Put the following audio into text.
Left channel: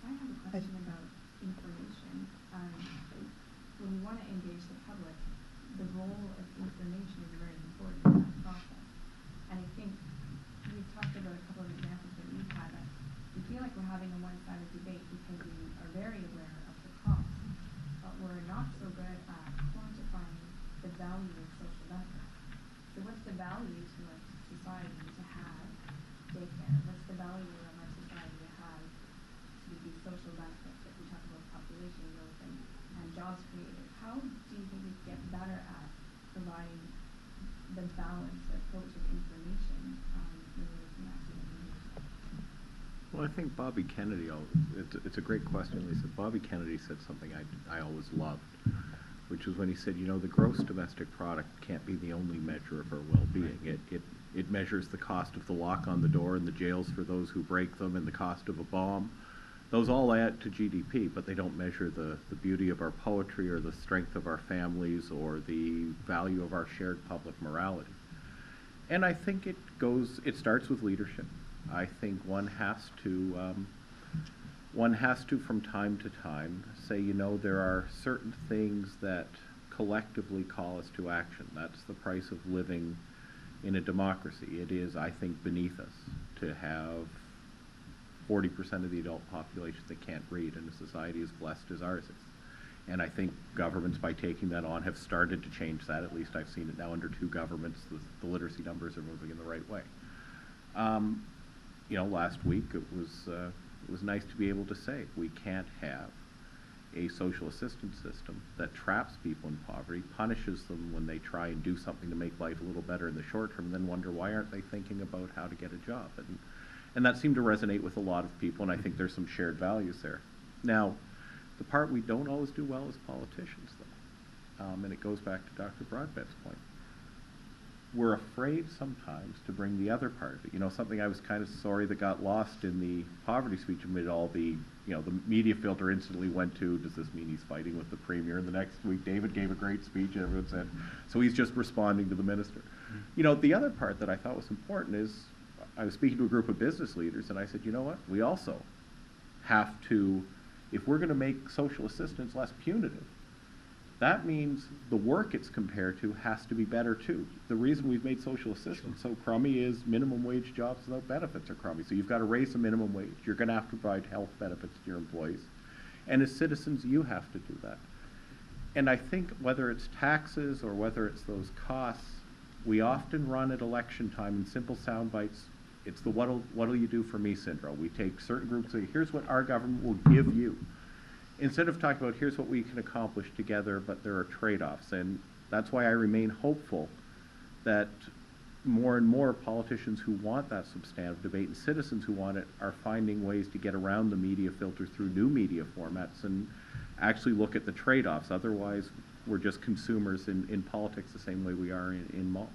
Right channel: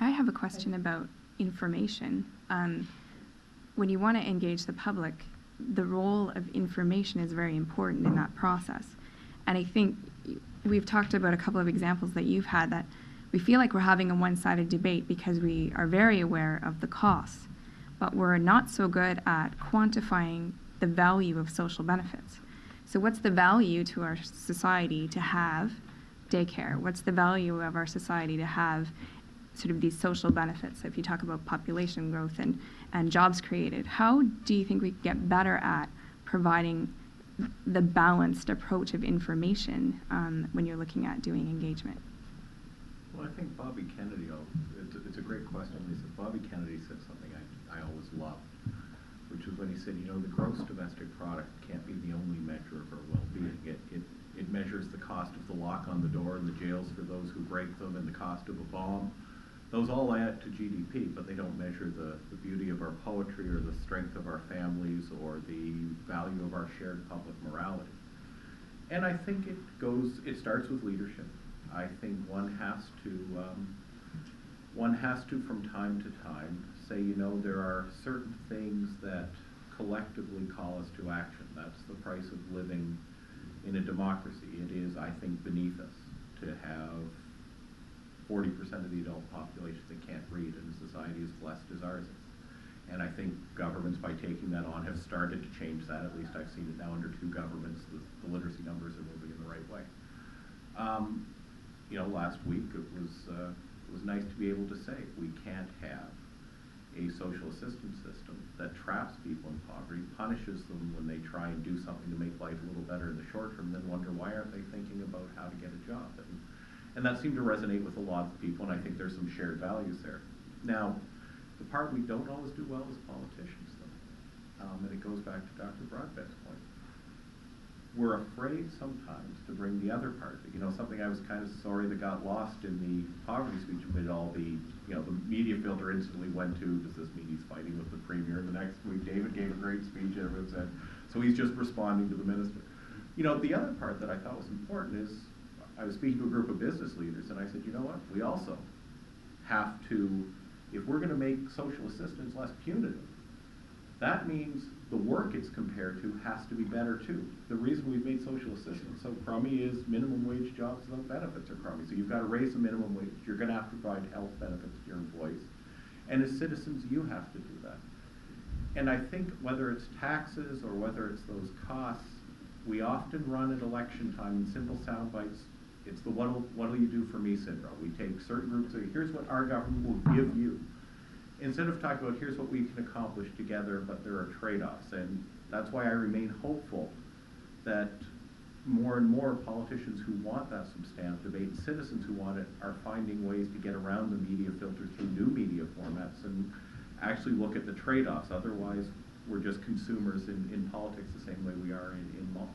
I have a question about information. When you want to engage the public, the role of information is very important in that process. And I think we've talked about a couple of examples that you've had that we feel like we're having a one-sided debate because we are very aware of the costs, but we're not so good at quantifying the value of social benefits. So what's the value to our society to have daycare? What's the value of our society to have sort of these social benefits? If you talk about population growth and jobs created, how do you think we could get better at providing the balanced approach of information when you're looking at doing engagement? Well, I think Bobby Kennedy, it's a great question, Lisa. Bobby Kennedy said something I always loved, which was when he said, you know, the gross domestic product can't be the only measure of our well-being. It measures the cost of the lock on the door and the jails for those who break them and the cost of a bomb. Those all add to GDP, but they don't measure the beauty of our poetry or the strength of our families or the value of our shared public morality. And I think it starts with leadership. I think one has to from time to time say, you know, there are certain things that collectively call us to action. That's the price of living in a democracy. It is, I think, beneath us to have 40% of the adult population that can't read in a society as blessed as ours is. And I think governments, by taking that on, have started to change that. At least I've seen it now under 2 governments. The literacy numbers are moving in the right way. You know, last week it was nice to be able to say we can't have a social assistance system that traps people in poverty, punishes them when they try and do something to make life a little better in the short term, then wonder why aren't they thinking about how to get a job. And that seemed to resonate with a lot of people, and I think there's some shared values there. Now, the part we don't always do well as politicians, though, and it goes back to Dr. Broadbent's point. We're afraid sometimes to bring the other part of it. You know, something I was kind of sorry that got lost in the poverty speech amid all the, you know, the media filter instantly went to, does this mean he's fighting with the Premier? And the next week, David gave a great speech, and everyone said, so he's just responding to the minister. You know, the other part that I thought was important is, I was speaking to a group of business leaders, and I said, you know what, we also have to, if we're going to make social assistance less punitive, that means the work it's compared to has to be better too. The reason we've made social assistance so crummy is minimum wage jobs without benefits are crummy. So you've got to raise the minimum wage. You're going to have to provide health benefits to your employees. And as citizens, you have to do that. And I think whether it's taxes or whether it's those costs, we often run at election time in simple sound bites. It's the what'll you do for me syndrome. We take certain groups and say, here's what our government will give you. Instead of talking about here's what we can accomplish together, but there are trade-offs. And that's why I remain hopeful that more and more politicians who want that substantive debate and citizens who want it are finding ways to get around the media filter through new media formats and actually look at the trade-offs. Otherwise, we're just consumers in politics the same way we are in malls.